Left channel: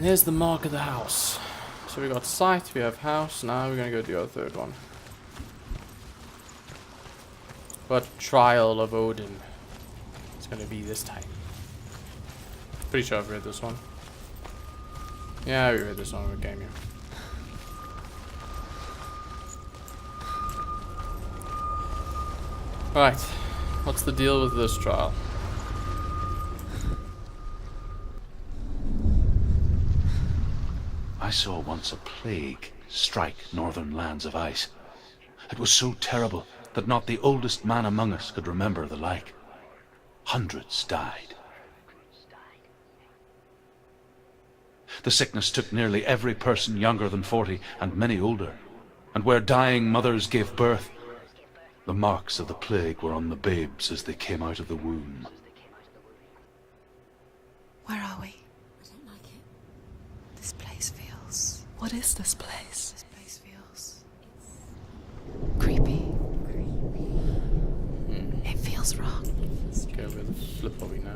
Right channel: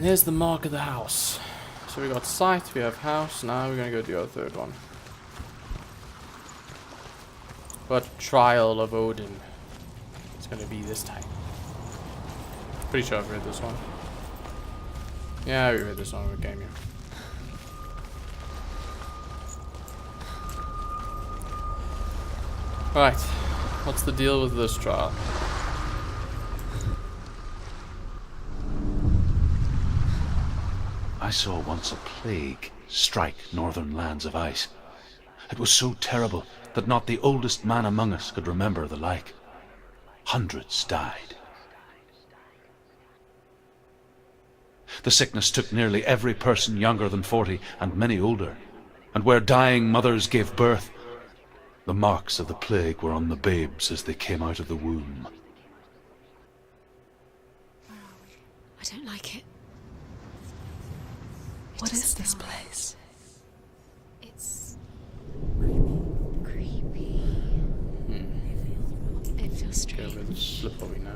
And there's the mark of the house. So we got site, we have house, now we're gonna go do our third one. What trial of Odin it's gonna be this time? Pretty sure I've read this one. Yeah, we read this one when we came here. Right, what's the deal with this trial? I saw once a plague strike northern lands of ice. It was so terrible that not the oldest man among us could remember the like. Hundreds died. The sickness took nearly every person younger than 40 and many older. And where dying mothers gave birth, the marks of the plague were on the babes as they came out of the womb. Where are we? I don't like it. This place feels... What is this place? This place feels... It's... creepy. It feels wrong. It feels Okay, strange. we're slippery now.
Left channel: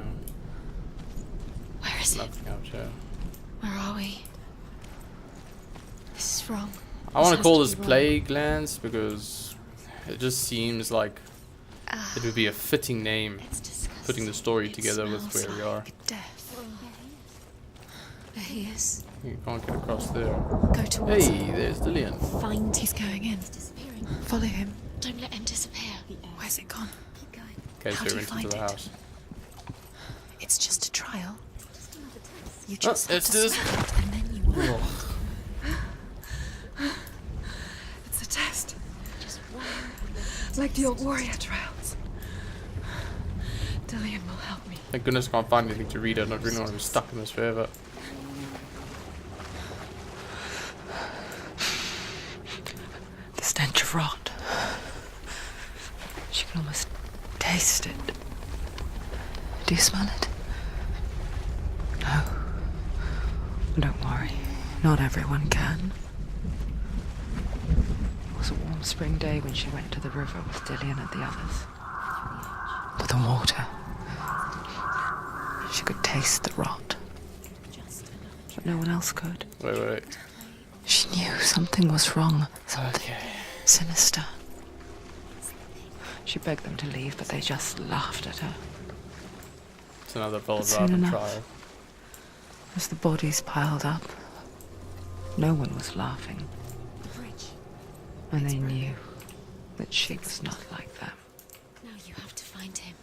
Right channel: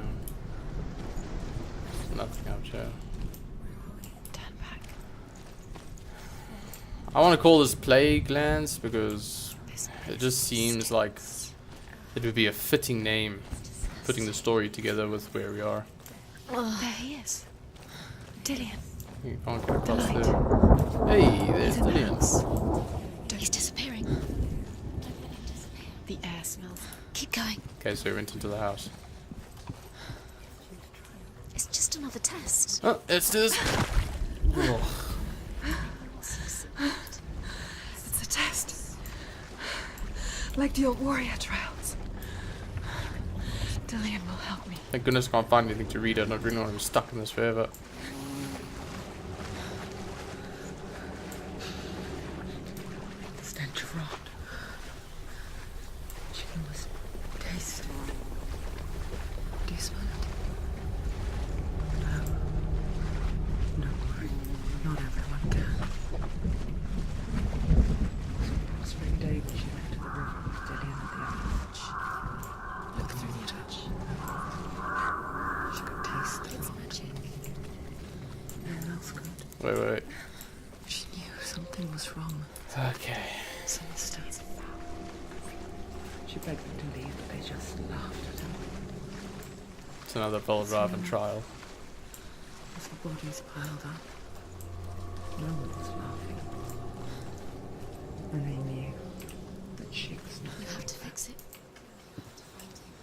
Where is it? Nothing out here. Where are we? Turn back. This is wrong. I want to call this plague lands because it just seems like it would be a fitting name, putting the story together with where we are. There he is. There he is. You can't get across there. Go towards Hey, him. there's Dillian. Find. He's going in. He's disappearing. Follow him. Don't let him disappear. The air Where's it smell. gone? Keep going. Okay, How so do we you went into find the it? house. It's just a trial. It's just another test. You Oh, just it's this. Ugh. It's a test. Like the old warrior trials. Dillian will help me. Thank goodness I can't find anything to read. I don't really want to be stuck in this forever. The stench of rot. She can almost taste it. Do you smell it? No. Don't worry. Not everyone can. It was a warm spring day when she went to the river with Dillian and the others. But the water. She could taste the rot. But no one else could. Wait. She knew something was wrong. Something Okay. sinister. She begged them to leave, but they just laughed at her. It's another Soon Volraven enough. trial. As the bodies piled up, no one was laughing. And they knew that she was not like that. Now you have to find him.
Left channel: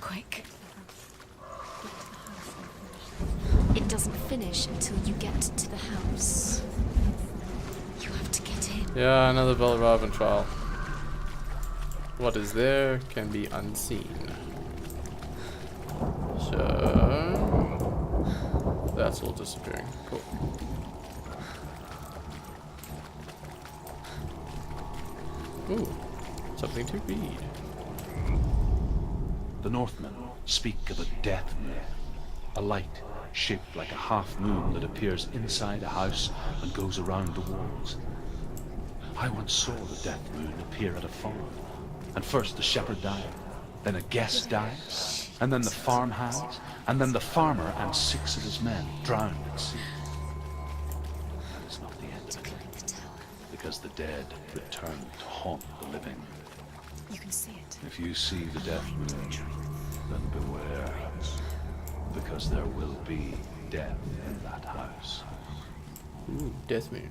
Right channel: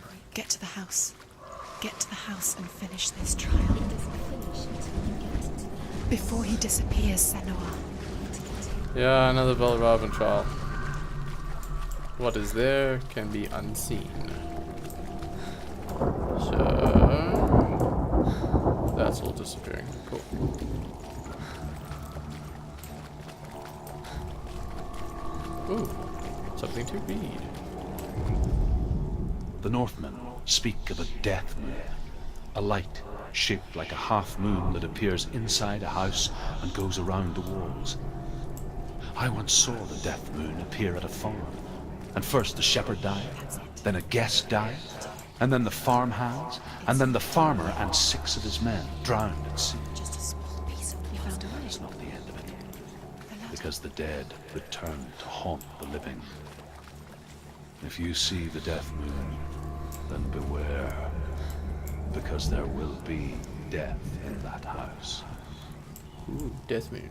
Quick, get to the house. Get to the house and finish this trial. It doesn't finish until you get to the house. Before he disappears, Senua. You have to get in. Yeah, another Volraven trial. What is there can be unseen. So that's all disappearing. Cool. Ooh, something to read. The Northmen speak of a death moon, a light shaped like a half moon that appears inside a house and goes around the walls. I once saw the death moon appear at a farm, and first the shepherd died, then a guest died, and then the farmhands, and then the farmer and 6 of his men drowned at sea. That is not the end of it, because the dead return to haunt the living. If you see the death moon, then beware, because there will be death in that house. Ooh, Death Moon.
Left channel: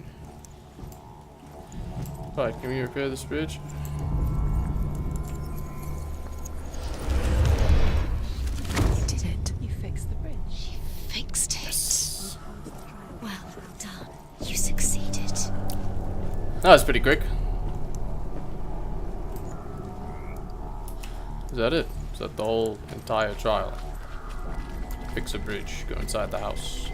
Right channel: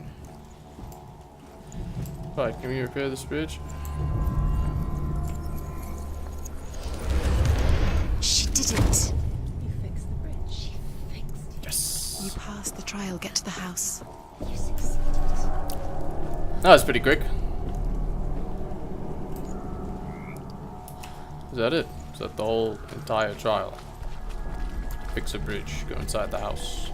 Right, can we repair this bridge? She did it. You fixed the bridge. She fixed it. Yes. You passed the trial. Get to the house. You succeeded. That was pretty quick. Is that it? Is that the whole entire trial? Fix a bridge, go inside the house.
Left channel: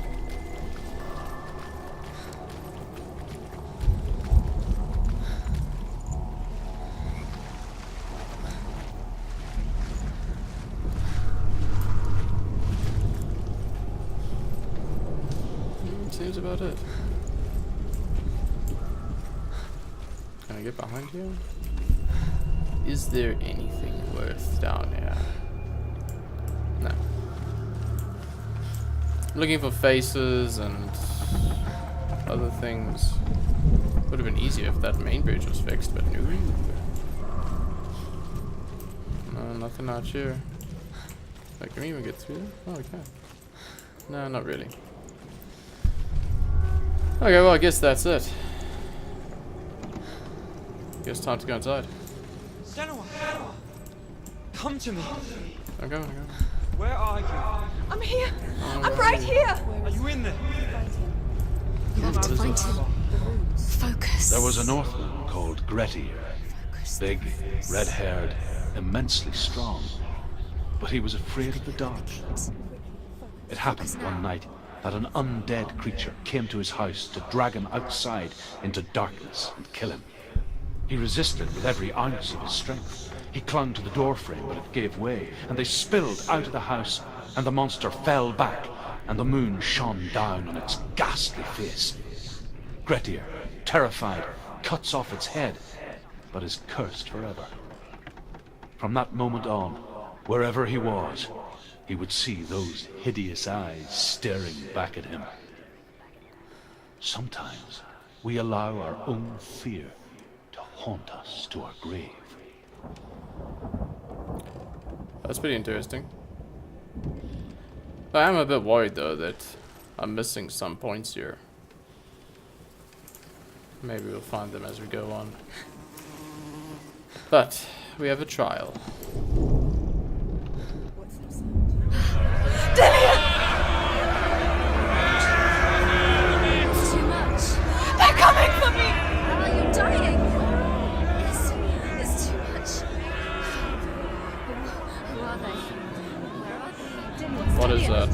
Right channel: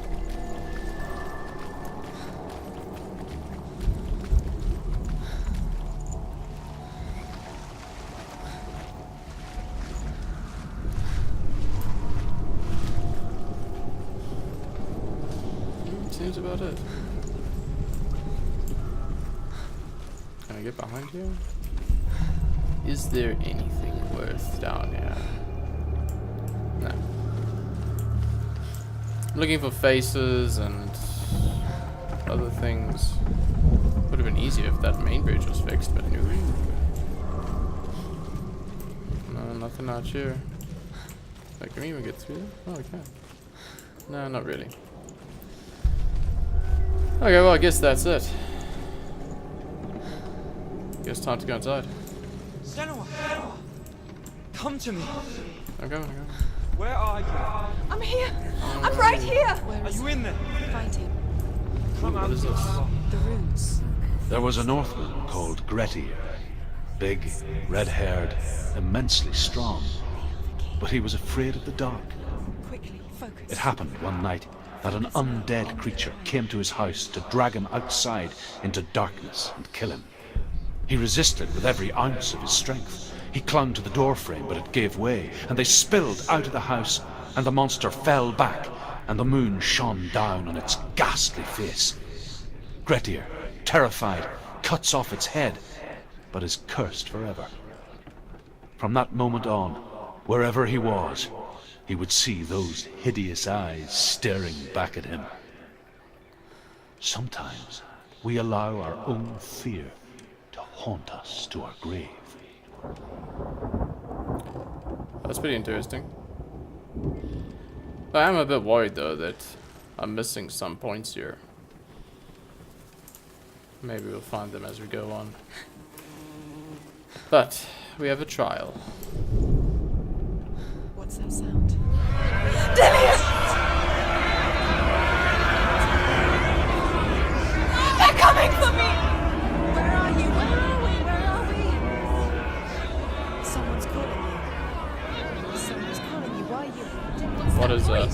Seems about it. Can I get behind you? Is there anything worth down here? No. I'm looking for faces and other things. Would have been easier if that main bridge was fixed, but no. No, nothing out here. Like, can we even get through? Oh, we can. No, not really. Okay, well, I guess that's it. Guess time to go inside. Senua! Come to me! I'm going. Where are you? I'm here. Oh, I'm right here. Are you in there? Fighting. Come out, what is find this? you are. The runes. Focus. There was a Northman called Grettir. Big, red-haired, immensely strong. But he was afraid of the dark. Quickly, focus. It happened one night that an undead creature came to his house to drag him outside into darkness and kill him. He resisted with every ounce of his strength. He clung to the doorframe, but it gave way, and they spilled out of the house, and the monster fell back, and the moon shone down on its ghastly face. Grettir, terrified, cuts off its head, but is cursed forever. From that moment on, wherever he was, he would see those hideous eyes staring back at him. Sometimes we allow our own fear to haunt us to our grave. That's pretty interesting. I am a bit worried though that I'm missing some points here. Maybe we'll find them as we go on. But we have a trial. What's that sound? They're coming for me! What is that?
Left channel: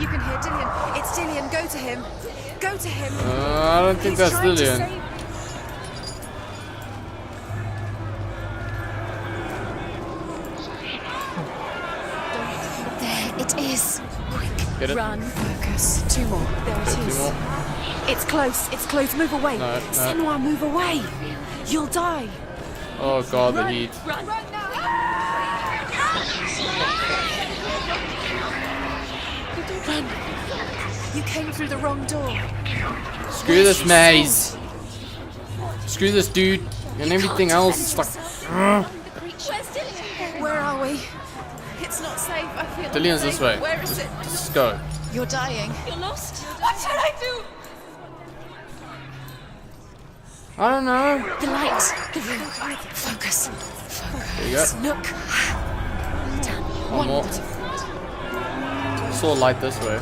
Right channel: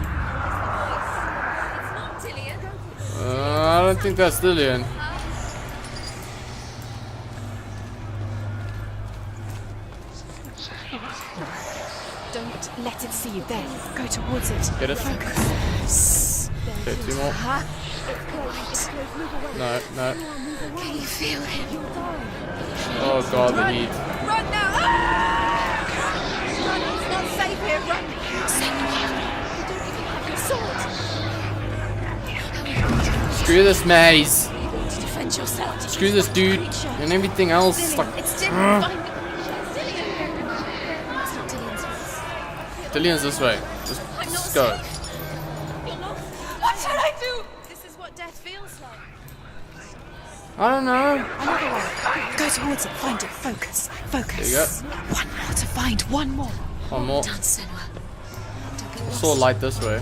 You can hear Dillian. It's Dillian. Go to him. Dillian. Go to him. I don't think that's Dillian. Don't let it. It is. Go towards it. Get it? Run. Focus. 2 more. There Okay, it 2 is. more. It's close. It's close. Move away. No. Senua, move away. Feel it. You'll die. Oh god, the heat. Run now. You came through the wrong door. Screw this maze. Defend yourself. Screw this dude and everything else. Like, Where are we? It's not safe. Dillian's this way. Just go. You're dying. You're lost. What should I do? This is what death feels like. I don't know. The light. Go towards it. Focus. Focus. There you go. Look. One more to find. One more. One more. Saw light this way.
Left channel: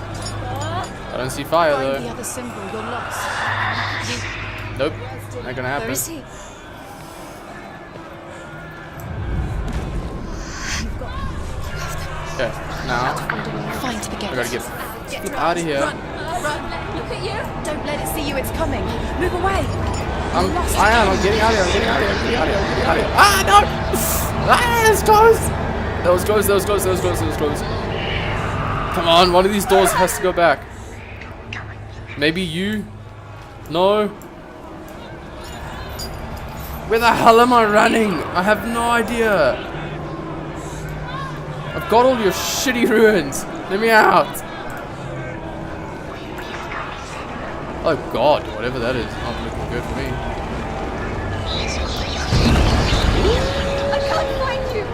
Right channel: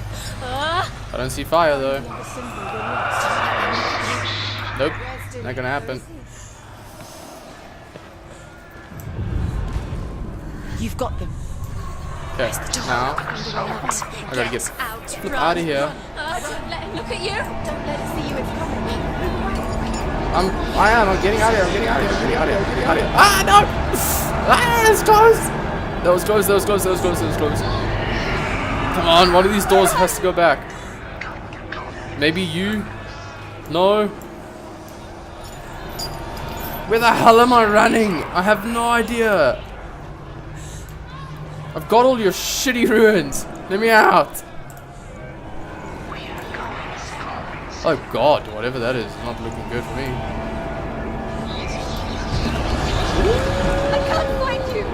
I don't see fire though. The other symbol. You're lost. Nope. Not gonna happen. You've got them. Okay. Now I gotta get flip out of here. Look at you. Don't let it see you. It's coming. Move away. I'm getting out of here. I'm getting out of here. Ah no! Ah, it's close. That was close. Come on, one of these doors has to go back. Maybe you? No. Where the hell am I running? I have no idea. I've got all your shitty ruins. Let me out. Oh god, whatever that is, not looking good for me. I can't find you.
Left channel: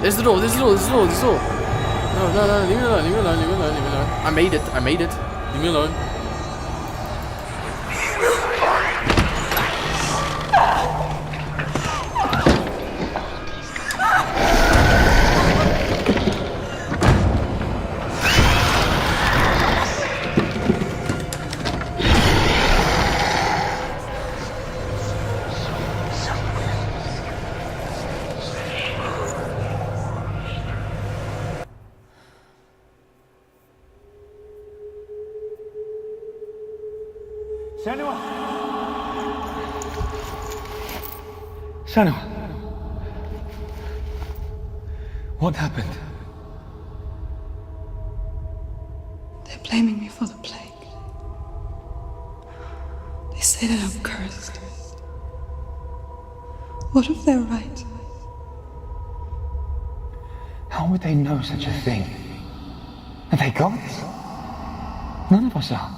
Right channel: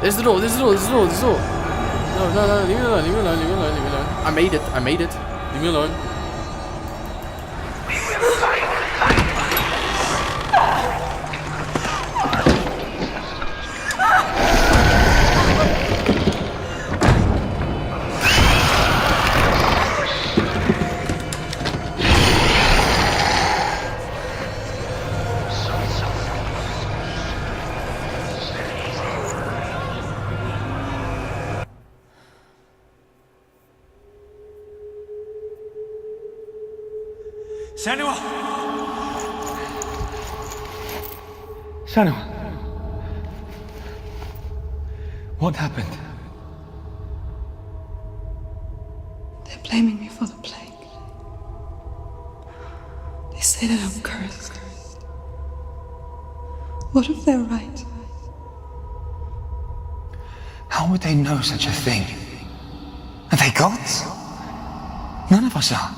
There's the door. No, leave me alone. I made it. Leave me alone. Senua! What happened? They're blaming me for the plague. They say that I'm cursed. What if they're right? How would they know such a thing? Are they gods? None of us are.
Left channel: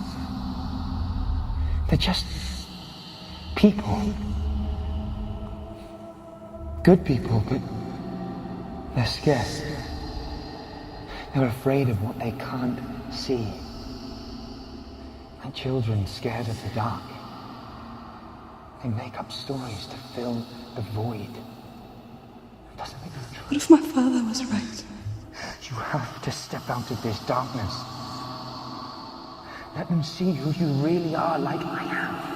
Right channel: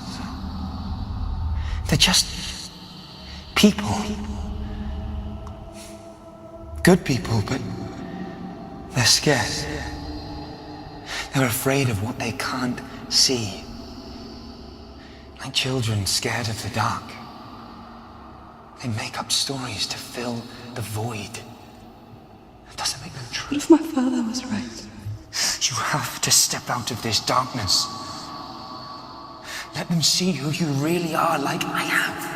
They're just people. Good people, but they're scared. They're afraid of what they can't see. Like children scared of the dark. They make up stories to fill the void. That doesn't make them true. What if my father was right? You have to step out of this darkness. Let them see who you really are, like I have.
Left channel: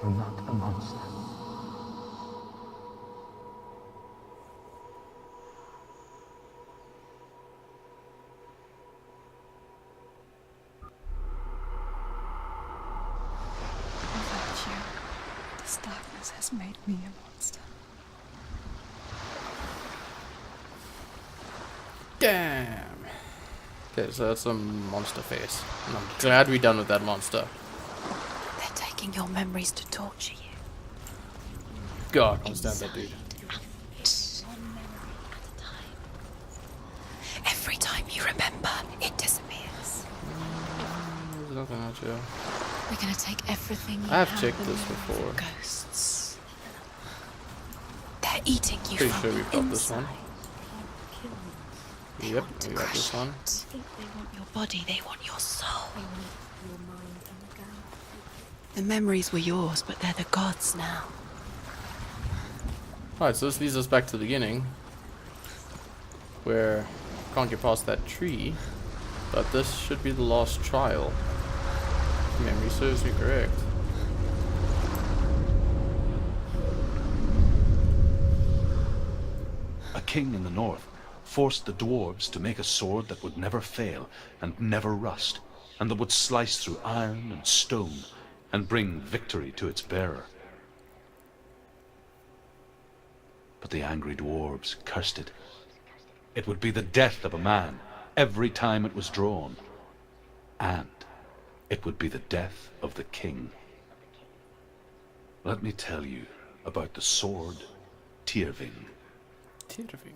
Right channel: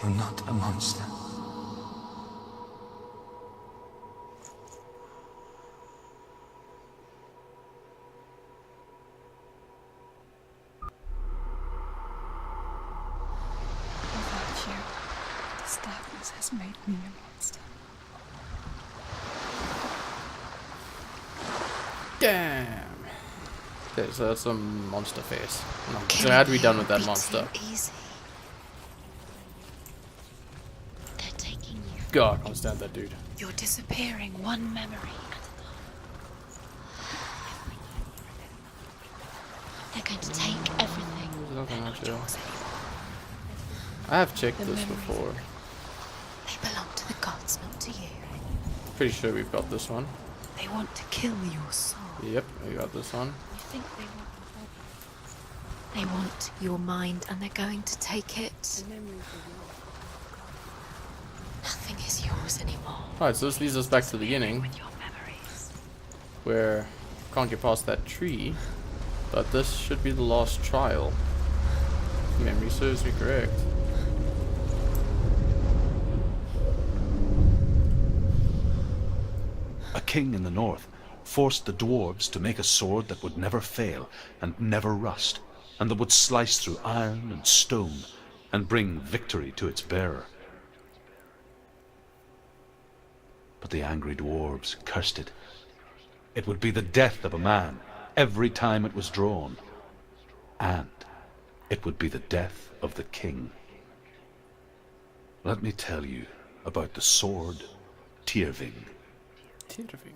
You're not a monster. Without you, this darkness has made me a monster. Damn. Okay, so that's a monster face. And I'm glad we're done with that monster. Easy. They're taking your memories to torture you. They're taking you. God, I can't stand that dude. You're disappearing one memory at a time. Every time you remember, it disappears. They're going to take everything. There's nothing out here. They're going to take everything. I have you checked the this memories before. of ghosts. They belong to the gods, not to you. They're eating you. Pretty from sure the we've got this inside. one. They want to kill your soul. Yep, we got this one. I think they want your body, they want your soul. They want your mind, and they're going to take it. The memories were yours, but they're the gods now. Nothing is yours anymore. Alright, so this leads us back to the beginning, Your memories. where can't get past that tree, but this should be the last trial. If memory serves me correct. A king in the north forced the dwarves to make a sword that would never fail and never rust, and that would slice through iron and stone and bring victory to its bearer. But the angry dwarves cursed it. It would be the death of a man every time it was drawn, and it would be the death of the king. Let me tell you about the sword Tyrving. Tyrving.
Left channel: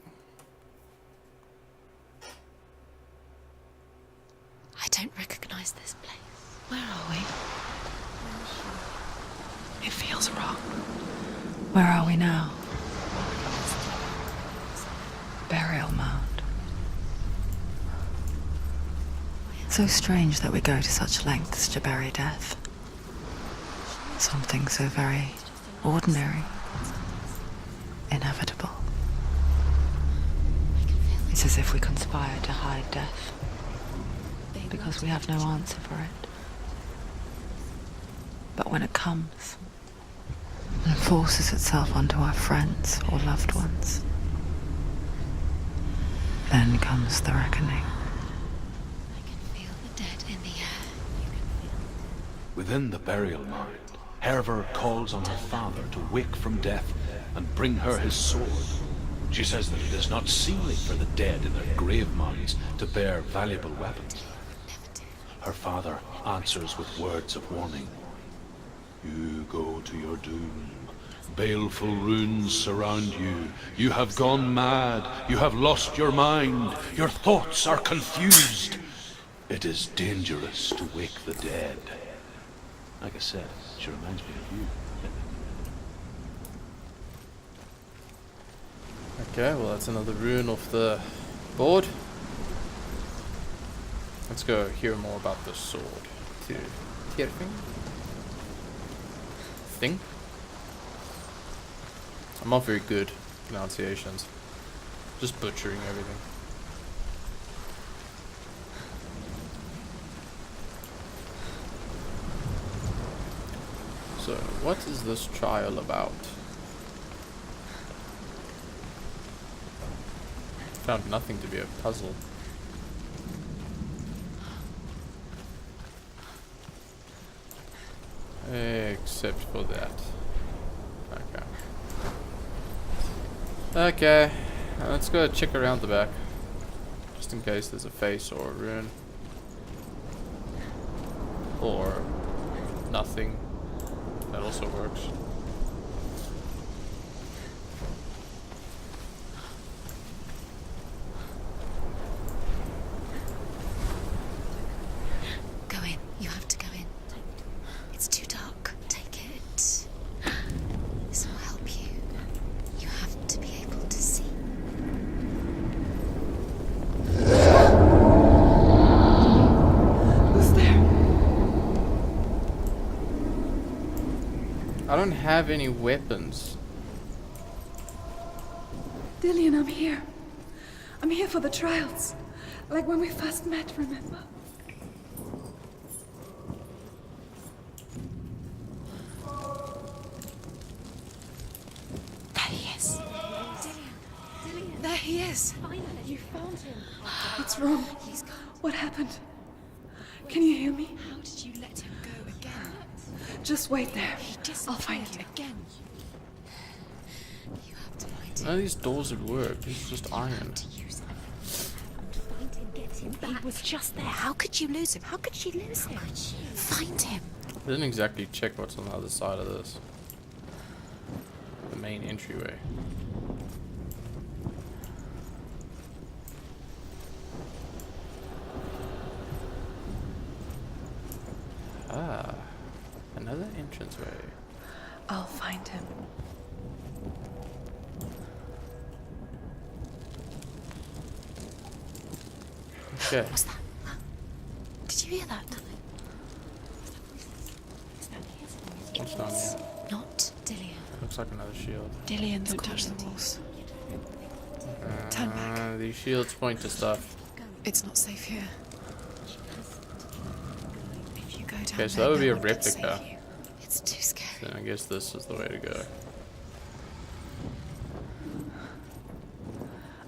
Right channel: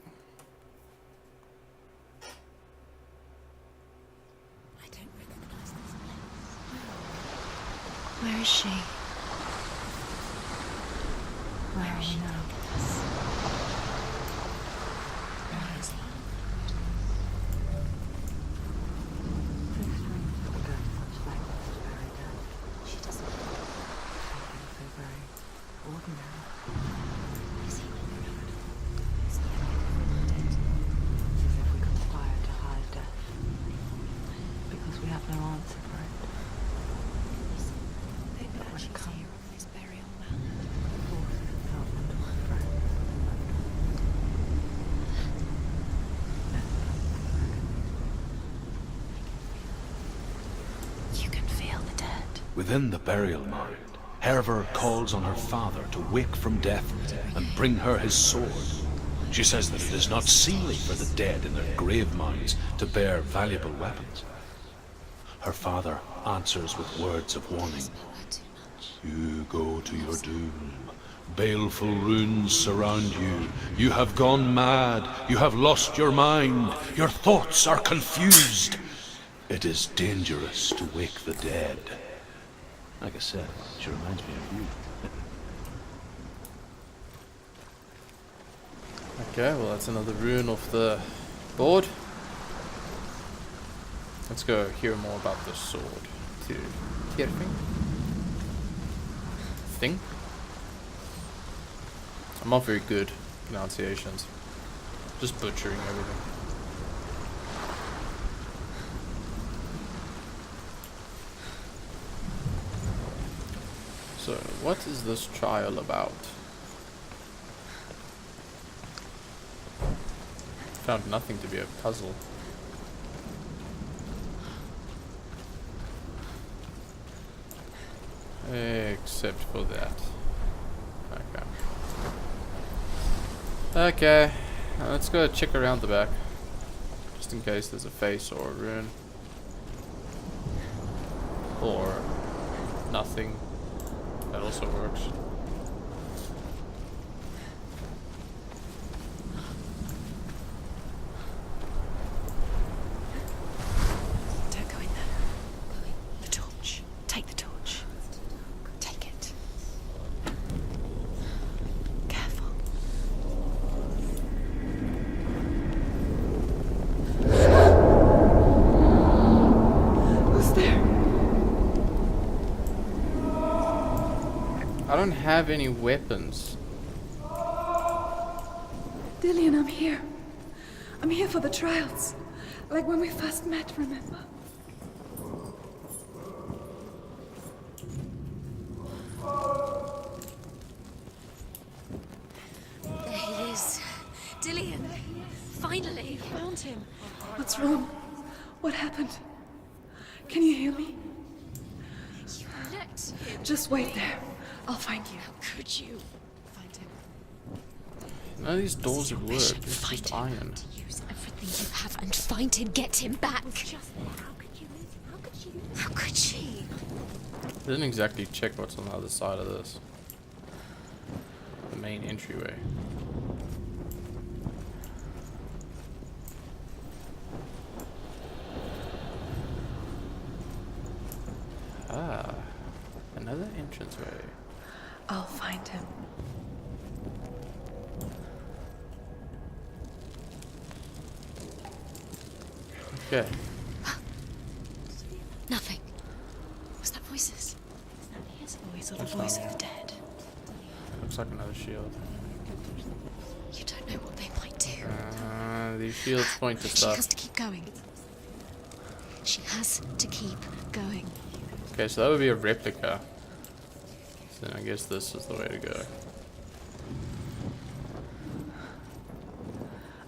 I don't recognize this place. Where are we? Where is she? It feels wrong. Where are we now? Burial mound. It's so strange that we go to such lengths to bury death. Something so very ordinary, inevitable. It's as if we conspire to hide death, because we have no answer for it. But when it comes, and forces itself onto our friends or loved ones, then comes the reckoning. I can feel the dead in the air. You can feel the dead. Within the burial mound, Hervor calls on her father to wake from death and bring her his sword. She says that it is not seemly for the dead in their grave mounds to bear valuable weapons. Her father answers with words of warning. You go to your doom. Baleful runes surround you. You have gone mad. You have lost your mind. Your thoughts are confused. It is dangerous to wake the dead. Like I said, she reminds me of you. Okay, well that's another rune off the board. Let's go hear more about the sword. Tyrving? Thing? I'm not very good pronunciations. Just butchering everything. So, what is this trial about? Found nothing to be a puzzle. Except for that. Okay. Okay. Let's go check around the back. Just in case there's a face or a rune. Or nothing. That also works. don't have any weapons. Dillian, I'm here. I'm here for the trials. Like when we first met, remember? There he is. There he is. Dillian, there he is. Finally. You found him. What's wrong? What happened? Can you hear me? How did you let him go? You let... Just wait there. I'll find you. How could you? None of these doors would work. It's just iron. Use everything you have and find him. Get him back. He was just there. How could you lose him? How could she lose him? How could she? Find him. I didn't exactly check what's on the other side of this. The main entryway. Ah, another entranceway. I'll find him. Okay. Did you hear that? Nothing. Was that voices? Is that his voice or What's the down voice? here? Not Dillian. Looks like another shield. Dillian, don't touch the walls. You don't know what they might do. These shields point to She stuff. has to keep going. It's not safe here. She has to keep going. If you go down Okay, so that would be a there, it's replica. safe here. It's too scary. Then I guess this is the way to go.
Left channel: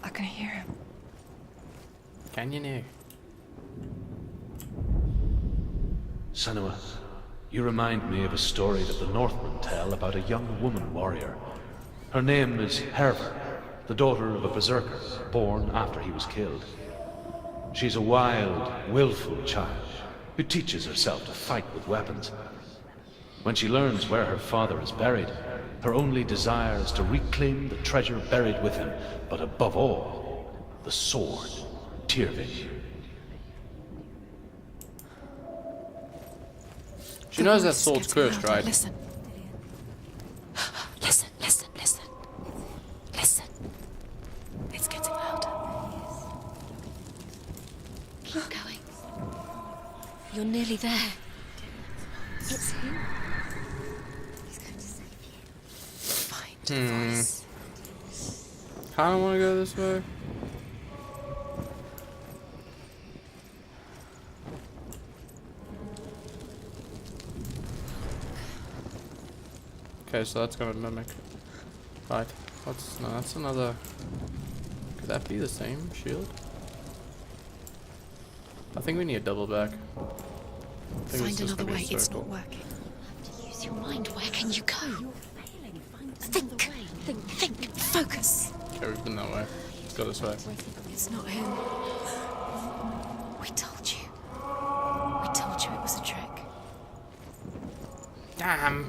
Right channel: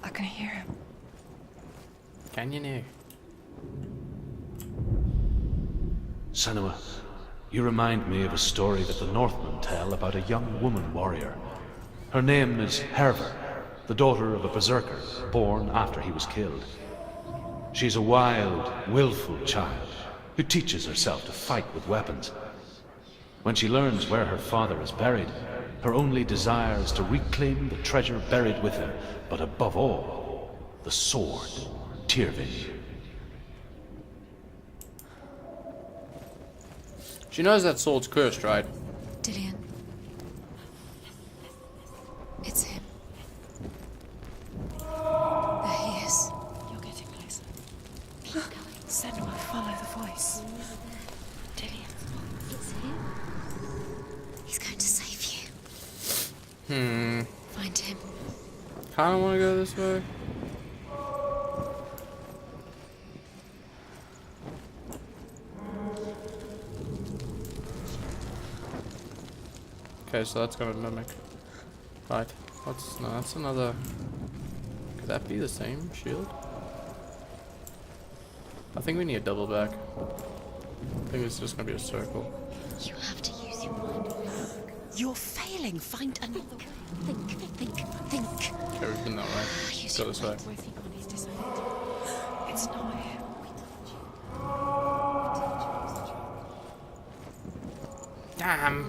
I can hear him. Can you now? Senua, you remind me of a story that the Northmen tell about a young woman warrior. Her name is Herver, the daughter of a berserker, born after he was killed. She's a wild, willful child who teaches herself to fight with weapons. When she learns where her father is buried, her only desire is to reclaim the treasure buried with him, but above all, the sword, Tyrving. She knows that sword's cursed, right? Listen, Dillian. Listen, listen, listen. It's him. Listen. It's getting louder. There he is. You're getting closer. Keep going. Senua, follow the voice. You're nearly there. Dillian. It's him. He's going to save you. Find him. Find him. Kinda wanna go this way. Okay, so that's gonna mimic. Right. What's no, that's another. Could that be the same shield? I think we need a double back. I think it's just gonna be a circle. You have to use your mind. Where can you go? You're failing. Find another way. Think. Focus. Okay, we've been that way. Let's go this way. It's not him. It's not him. We told you. We told you it was a trick. Damn.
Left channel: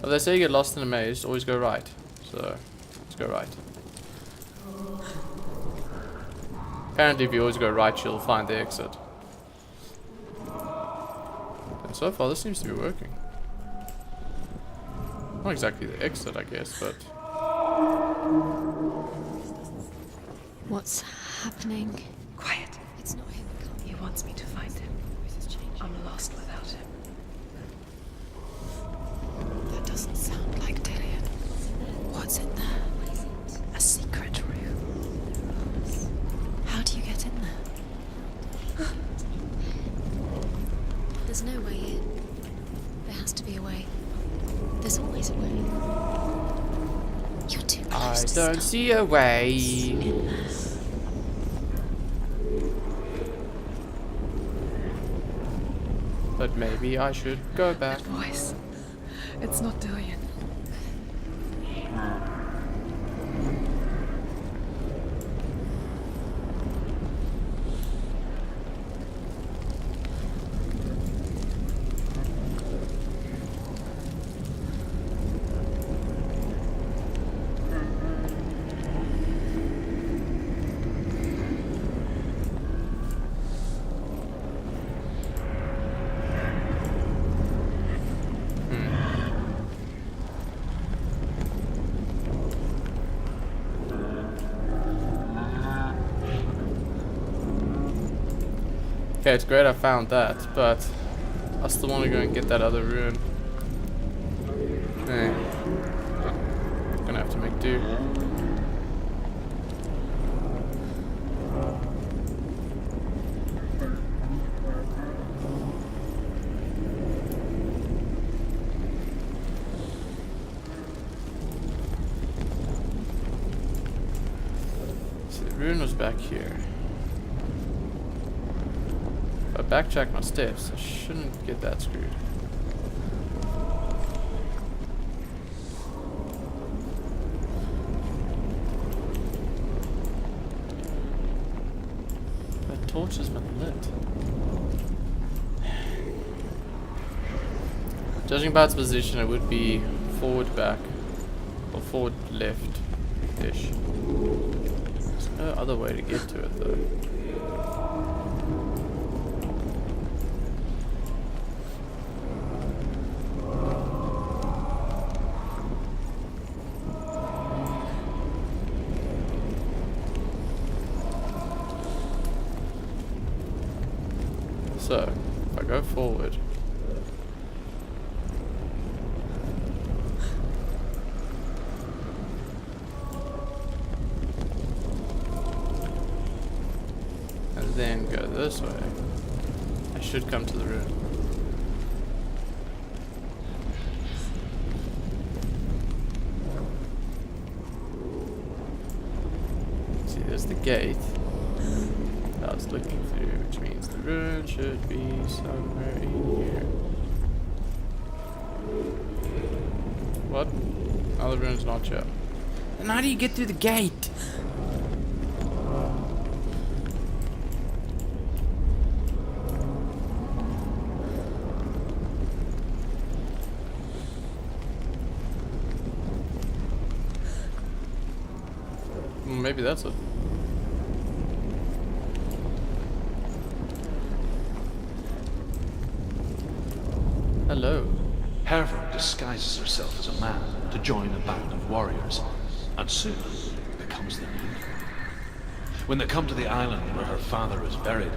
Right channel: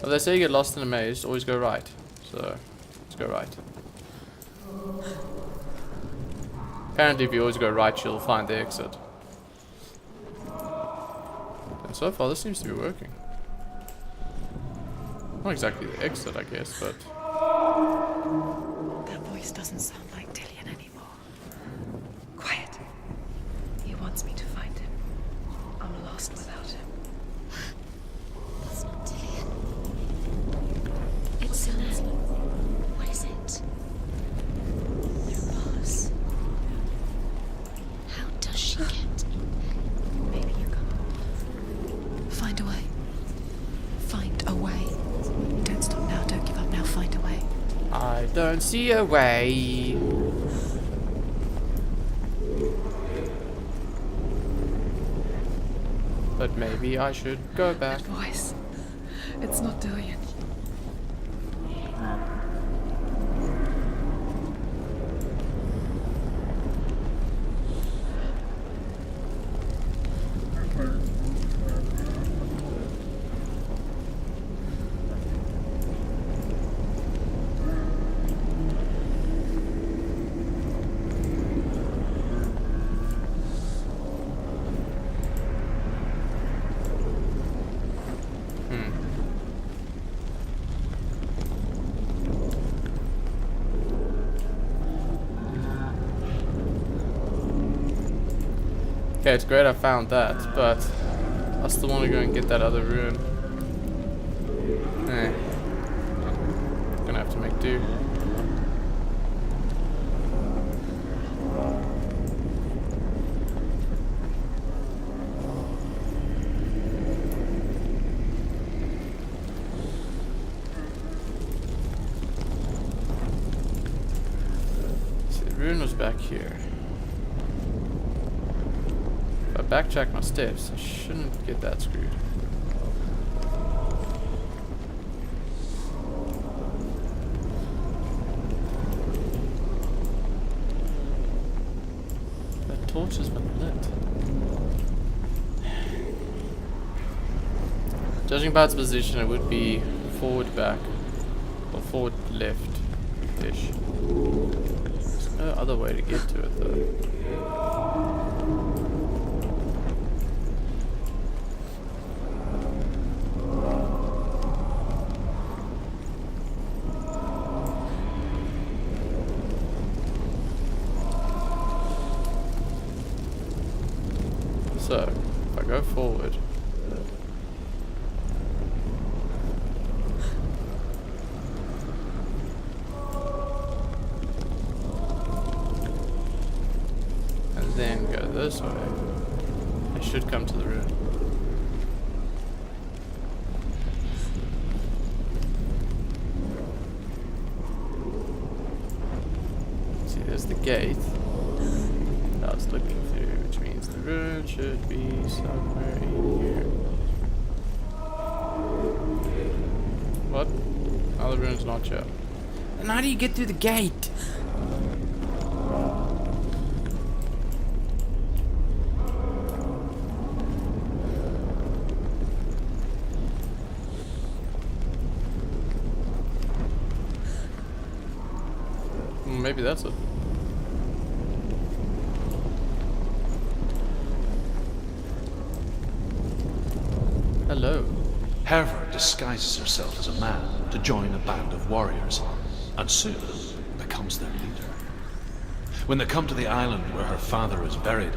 Well, they say you get lost in a maze, always go right. So, let's go right. Apparently, if you always go right, you'll find the exit. And so far, this seems to be working. Not exactly the exit, I guess, but... That voice doesn't sound like Dillian. What's happening? Quiet. It's not him. He wants me to find him. I'm lost without him. It's not Dillian. That doesn't sound like Dillian. It sounds. What's in there? What is it? A secret room. Yes. How do you get in there? How does she get in? Maybe you There's no way in. find a way. There has to be a way. Find a way. There's always a way. Don't stop now. Don't give up now. Find a way. You're too I close. don't see a way. But maybe I should go back. That voice. It's not Dillian. Okay, it's great I found that, but I still want to go and get that other rune. Eh. Gonna have to make do. See, the rune was back here. If I backtrack my steps, I shouldn't get that screwed. Torch has been lit. Judging by its position, it would be forward back or forward left ish. There's no other way to get to it though. So, if I go forward, and then go this way, I should come to the room. See, there's the gate I was looking through, which means the rune should be somewhere in here. What? Oh, the rune's not here. And how do you get through the gate? Maybe that's it. Hello. Hervor disguises herself as a man to join a band of warriors, and soon becomes their leader. When they come to the island where her father is buried,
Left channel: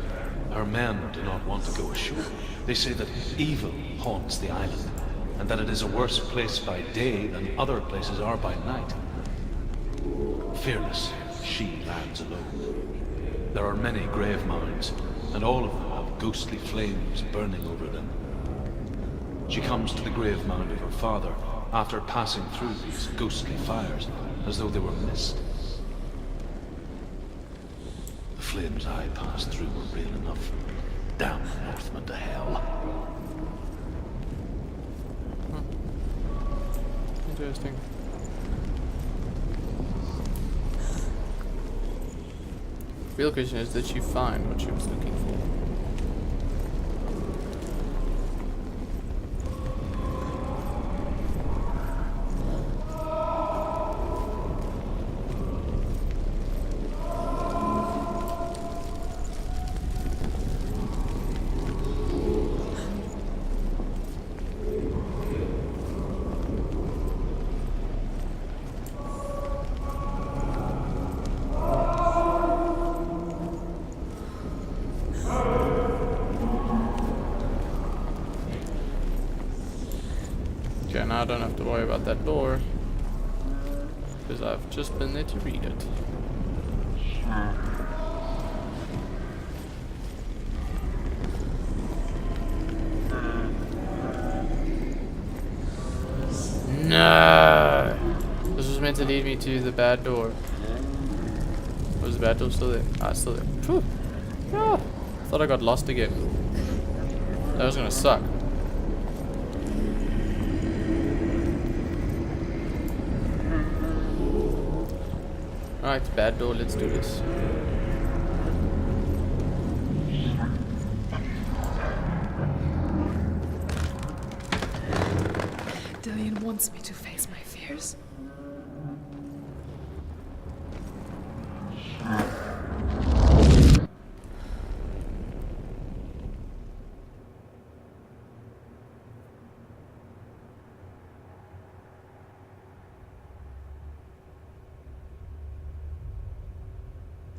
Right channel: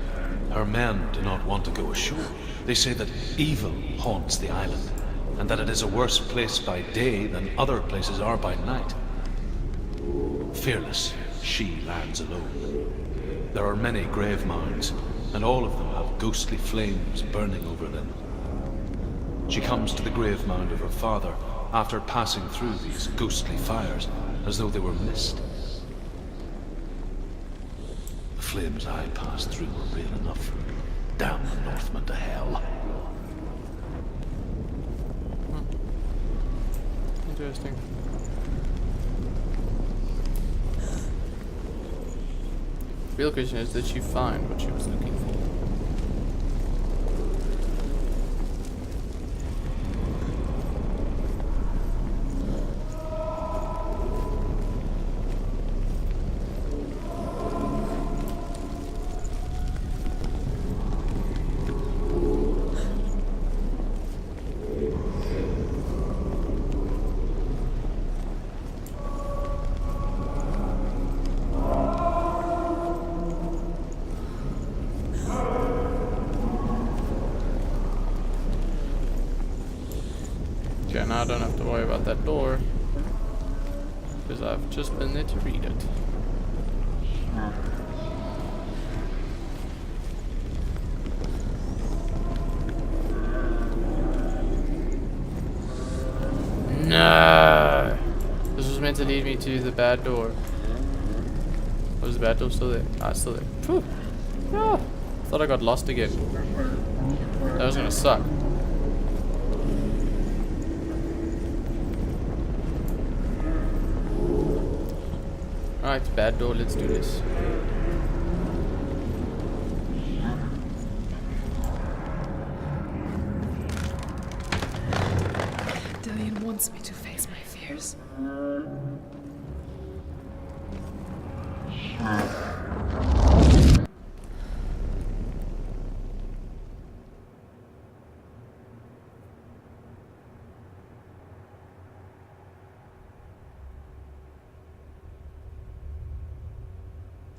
her men do not want to go ashore. They say that evil haunts the island, and that it is a worse place by day than other places are by night. Fearless, she lands alone. There are many grave mounds, and all of them have ghostly flames burning over them. She comes to the grave mound of her father after passing through these ghostly fires, as though they were mist. The flames I passed through were real enough. Damn the Northmen to hell. Interesting. Real question is, did she find what she was looking for? Okay, now I don't have to worry about that door, because I've just been there to read it. No! This was meant to lead me to the bad door. Was the bad door still there? Ah, it's still there. Phew. Ah, thought I got lost again. That was gonna suck. Alright, bad door, let's do this. Dillion wants me to face my fears.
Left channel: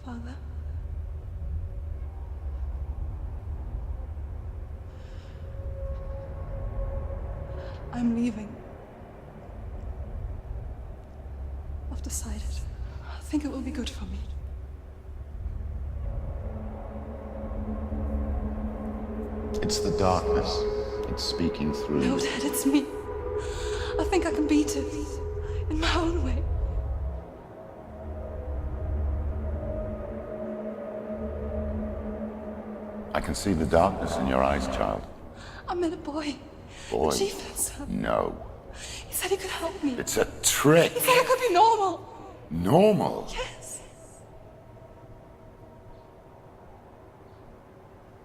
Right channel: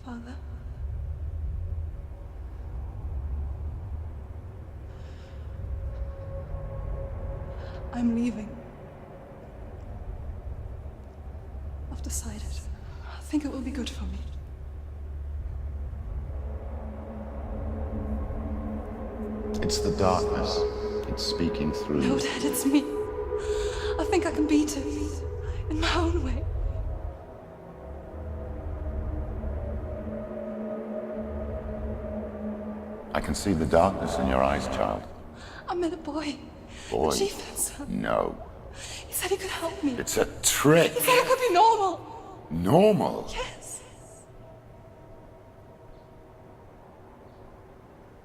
Father? I'm leaving. I've decided. I think it will be good for me. It's the darkness. It's speaking through No, you. Dad, it's me. I think I can beat it. In my own way. I can see the darkness in your eyes, child. I met a boy. Boy. The chieftain's son. No. He said he could help me. It's a trick. He said I could be normal. Normal. Yes.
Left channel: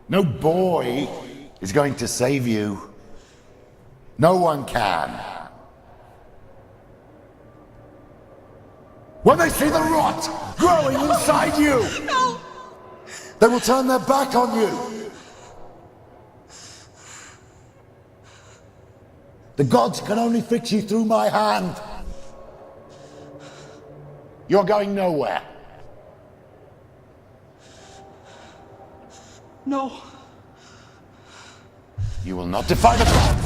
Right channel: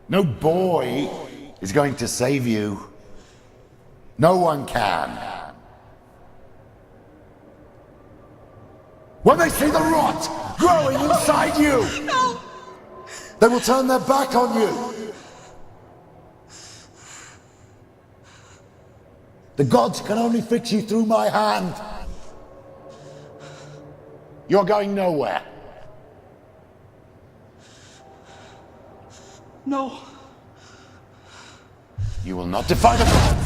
No boy is going to save you. No one can. When they see the rot growing inside you, No! they will turn their back on you. The gods can only fix you through my hand. You're going nowhere. No. You will not defy the gods.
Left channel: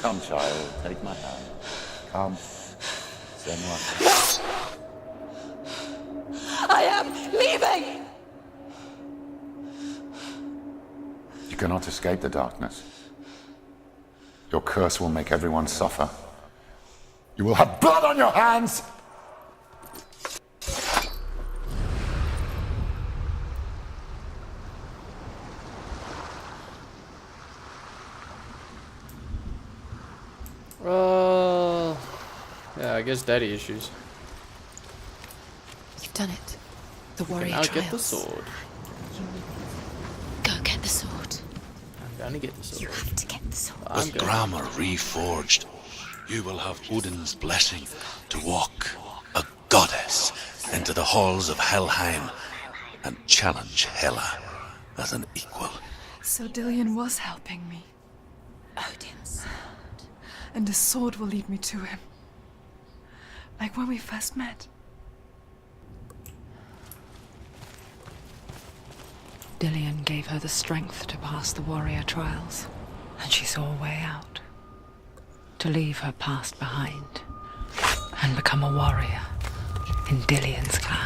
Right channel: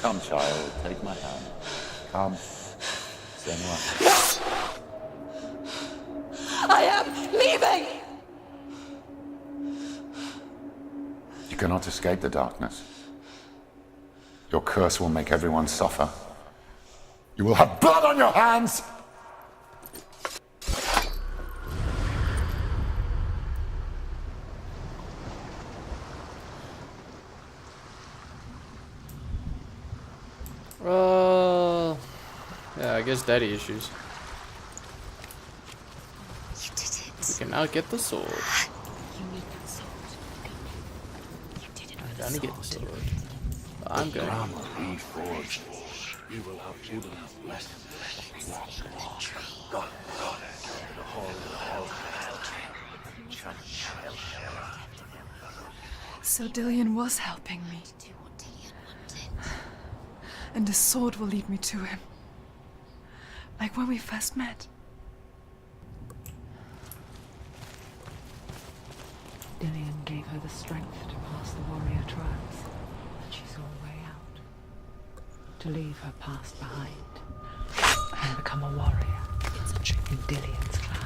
Come, child, take my hand. Come. Senua. I am leaving! You cannot escape the darkness. Your curse will make everyone suffer. You will have blood on your hands! Yeah, I guess daddy issues. You've done it. You did it. The You warrior can now get the trials. sword. You need this. Go get the sword. You did it. I'm gonna get the sword. You have to get the sword. I'm With going. grammar reforged, you will have Odin's blessing to walk, a goddess, into the halls of Helheim and challenge Hela as an equal. So Dillion was helping me. And the sword will lead me to him. Like when we first met. Dillion gave her the strength to pass the warrior trials, and she saw a way out. To leave her past behind and become a warrior in Dillion's clan.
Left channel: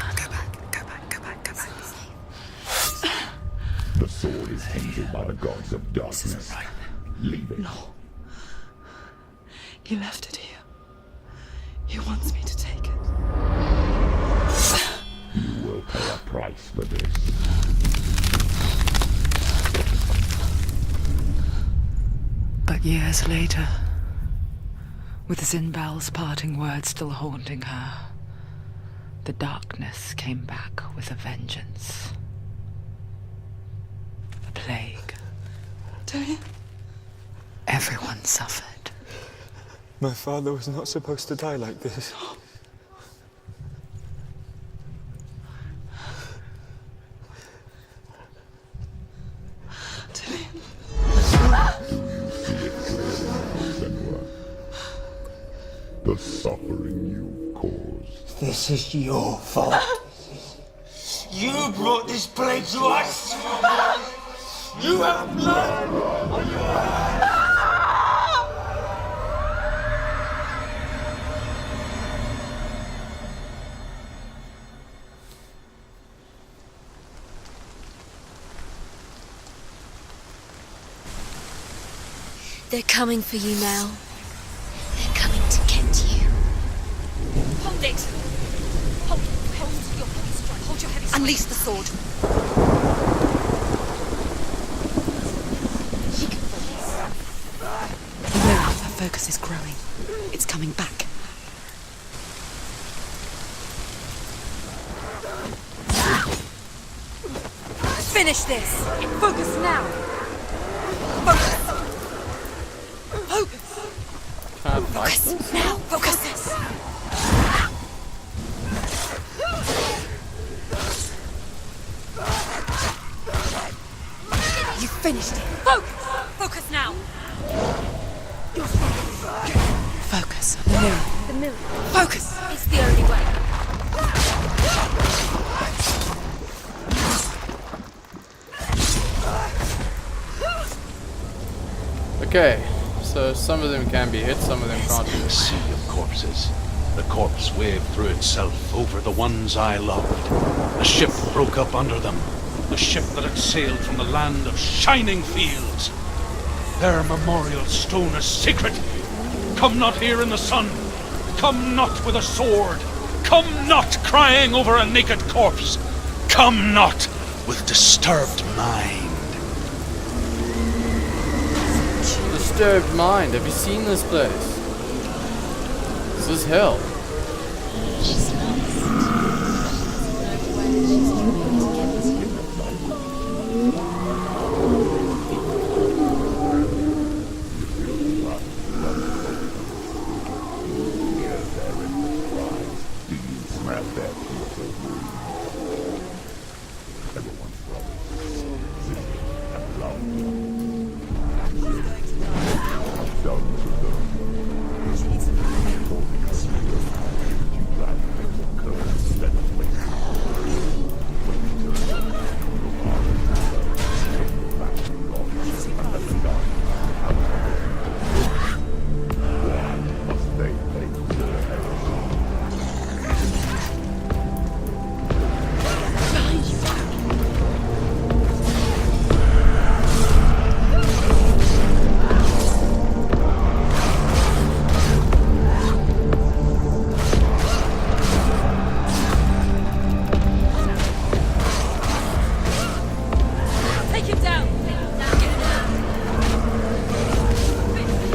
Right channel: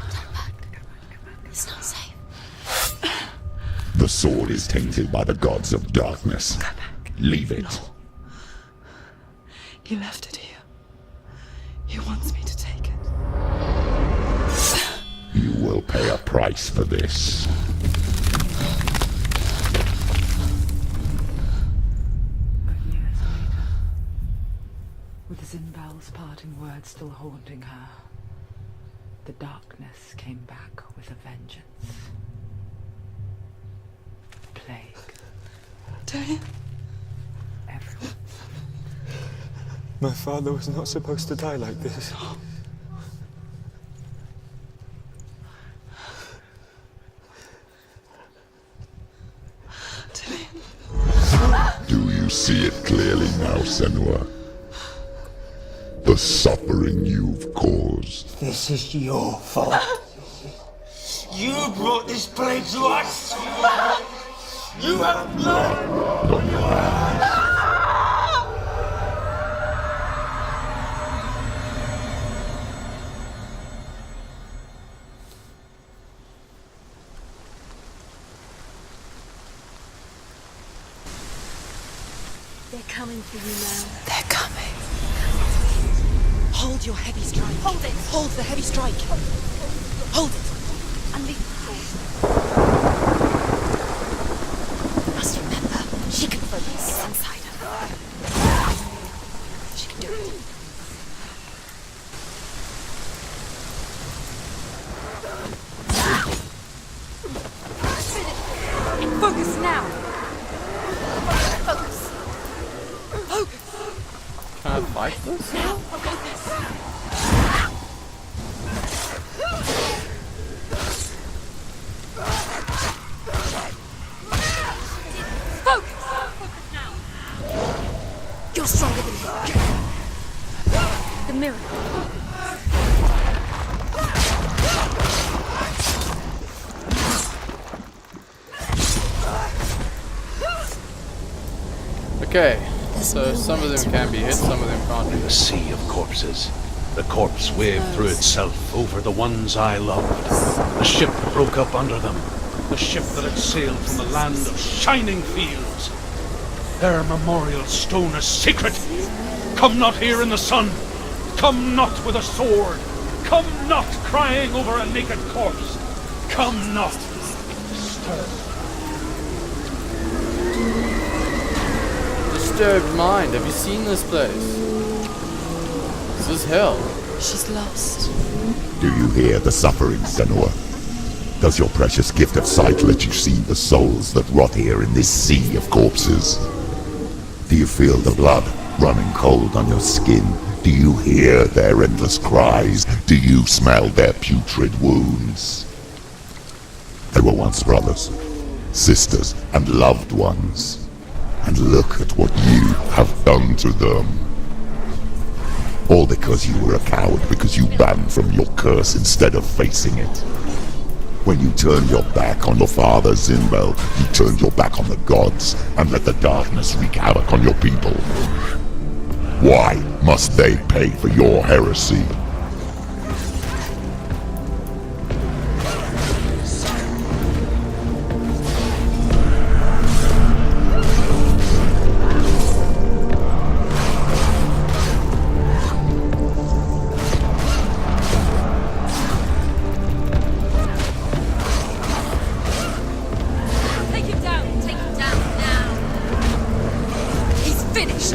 The sword is tainted by the gods of darkness. Leave it. No. He left it here. He wants me to take it. You will pay a price for this. But years later, with Zinbal's parting words still haunting her, the darkness came back with a vengeance. A plague. Dillion? Everyone suffered. My father was not supposed to die like this. Do you see it clearly now, Senua? The suffering you've caused. This is your fault. You brought this plague to us! You have blood on your hands! They're coming for you now. They're coming. They're coming to get you. Hold your heavy strike. Hold it. Hold the heavy strike. Hold your heavy strike. Unleash the sword. Must remember, she can focus inside of her. Her focus is growing. She can do it. It's coming back. Finish this. Focus now. Focus. Can I fight this? Now. Focus this. You finished it. Focus. Focus now. You're stronger than me. Focus. The mirror. Focus. It's the only way. Okay, so some of them can be hit, some of them can't be A hit. sea of corpses. The corpse waved through itself over the ones I loved. The ship broke up under them. The ship that had sailed from the land of shining fields. Their memorial stone is sacred. Come not here in the sun. Come not with a sword. Come not crying over a naked corpse. Come not with disturbed mind. Disturbed mind. Have you seen this place? This is hell. She's lost. Do you hear the suffering, Senua? Does your precious gift of sight let you see the souls that rot here in this sea of corpses? Do you feel the blood running cold on your skin? Do you hear their endless cries? Do you smell their putrid wounds? They were once brothers, sisters, and loved ones. And look at what you have done to them. All because you were a coward, because you ran from your curse instead of facing it. When you turned your back on your father, Zinbel, you turned your back on the gods and let the darkness wreak havoc on your people. Why must they pay for your heresy? Take him down! Take him down! He's finished!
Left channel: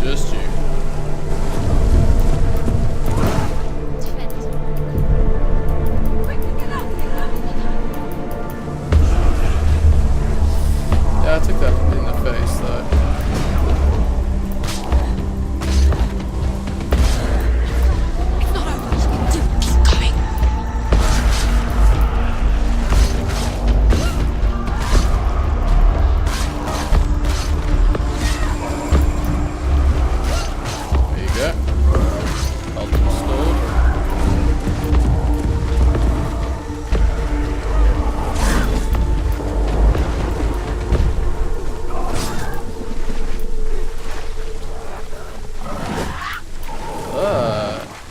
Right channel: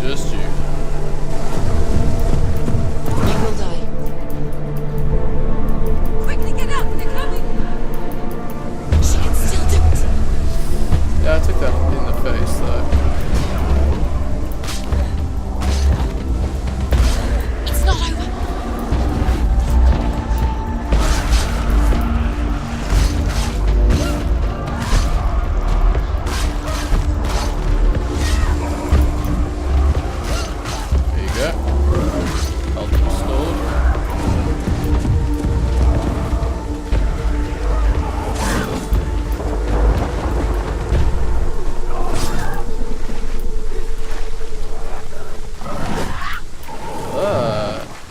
Just you. Quickly get up! They're coming! She can still do it! Yeah, I took that in the face though. It's not over! It's not over! Keep going! There you go. Health restored.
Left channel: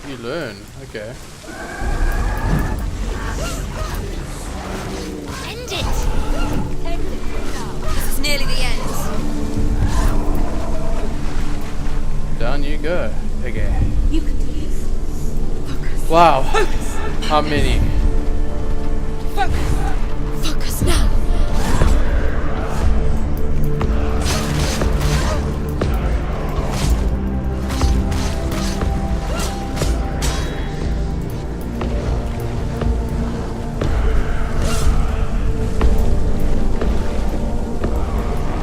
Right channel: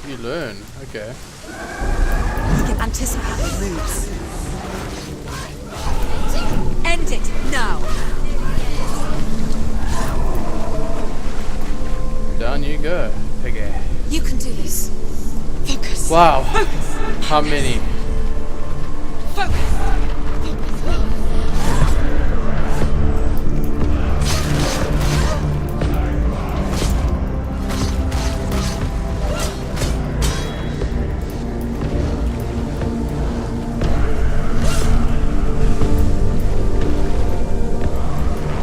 You learn. Okay. Anticipated moves. End it! End it! Now! It's nearly the end. Down you go, piggy. You can do this. Focus. Wow. Focus. How many? Focus. Focus now.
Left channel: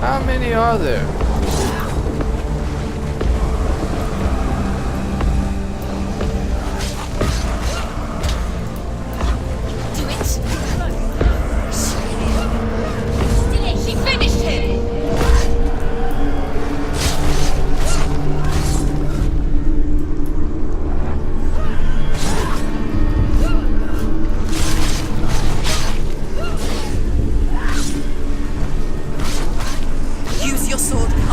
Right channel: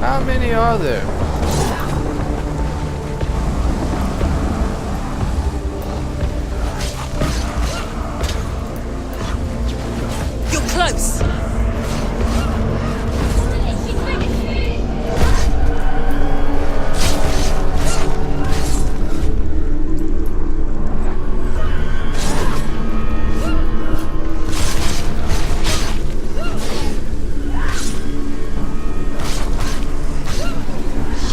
How many are there? You're close! She finished it! Use your sword.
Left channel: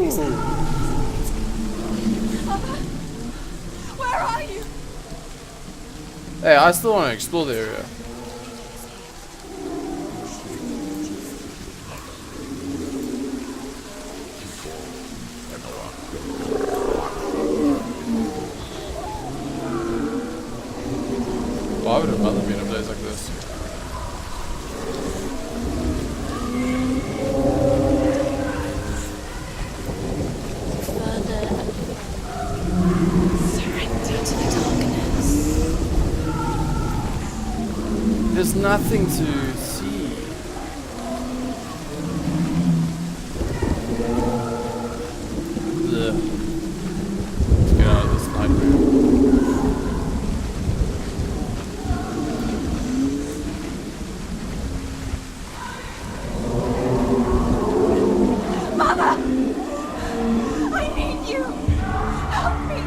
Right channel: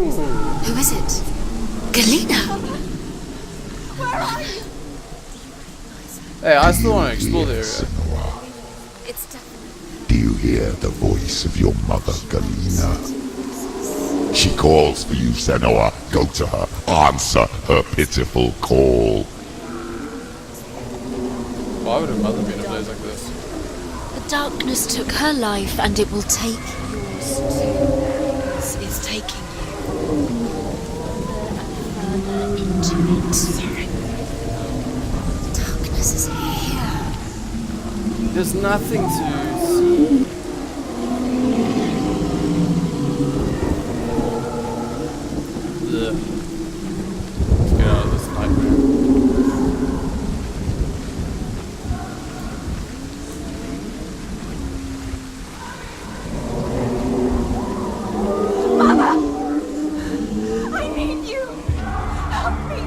Who is it? Galena! Where are you? Hey, I still want to explore the area. Do you hear the voice of your mother, Galena? She calls for you, Senua. Go to her. Answer her pitiful call. Why would her mother be in a place like this? The darkness took her life, and it will take. It's taking you further and further into surrender to the darkness. Darkness is here. There's nothing to see. Ugh. Let's get out of this nightmare. Mother! I need you! Help me!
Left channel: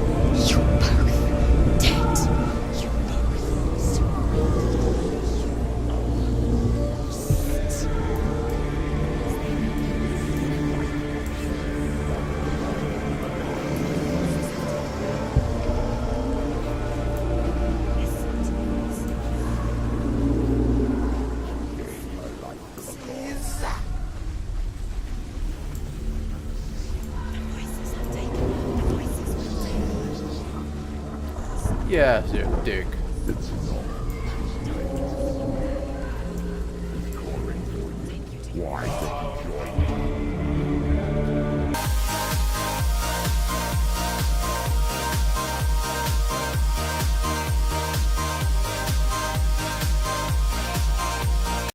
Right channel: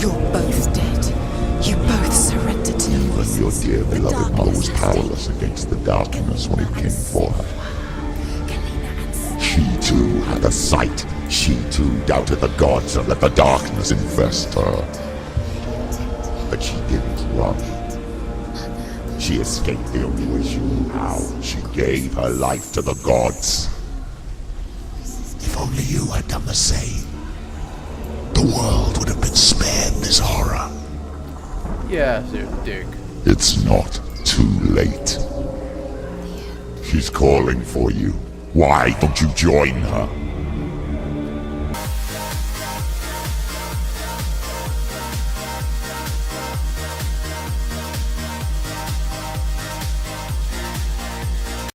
You're both dead. You both surrendered to me. But your dear beloved mother was powerless against the darkness when it came for her. She too had a sight. She too doubted the gods and let the darkness infest her. But she didn't run. She escaped the only way she knew how. She gave her life to the gods. If only you had done the same, the world would have been spared this horror. Yeah, you're a dick. It's not too late. She's calling for you. Why don't you join her?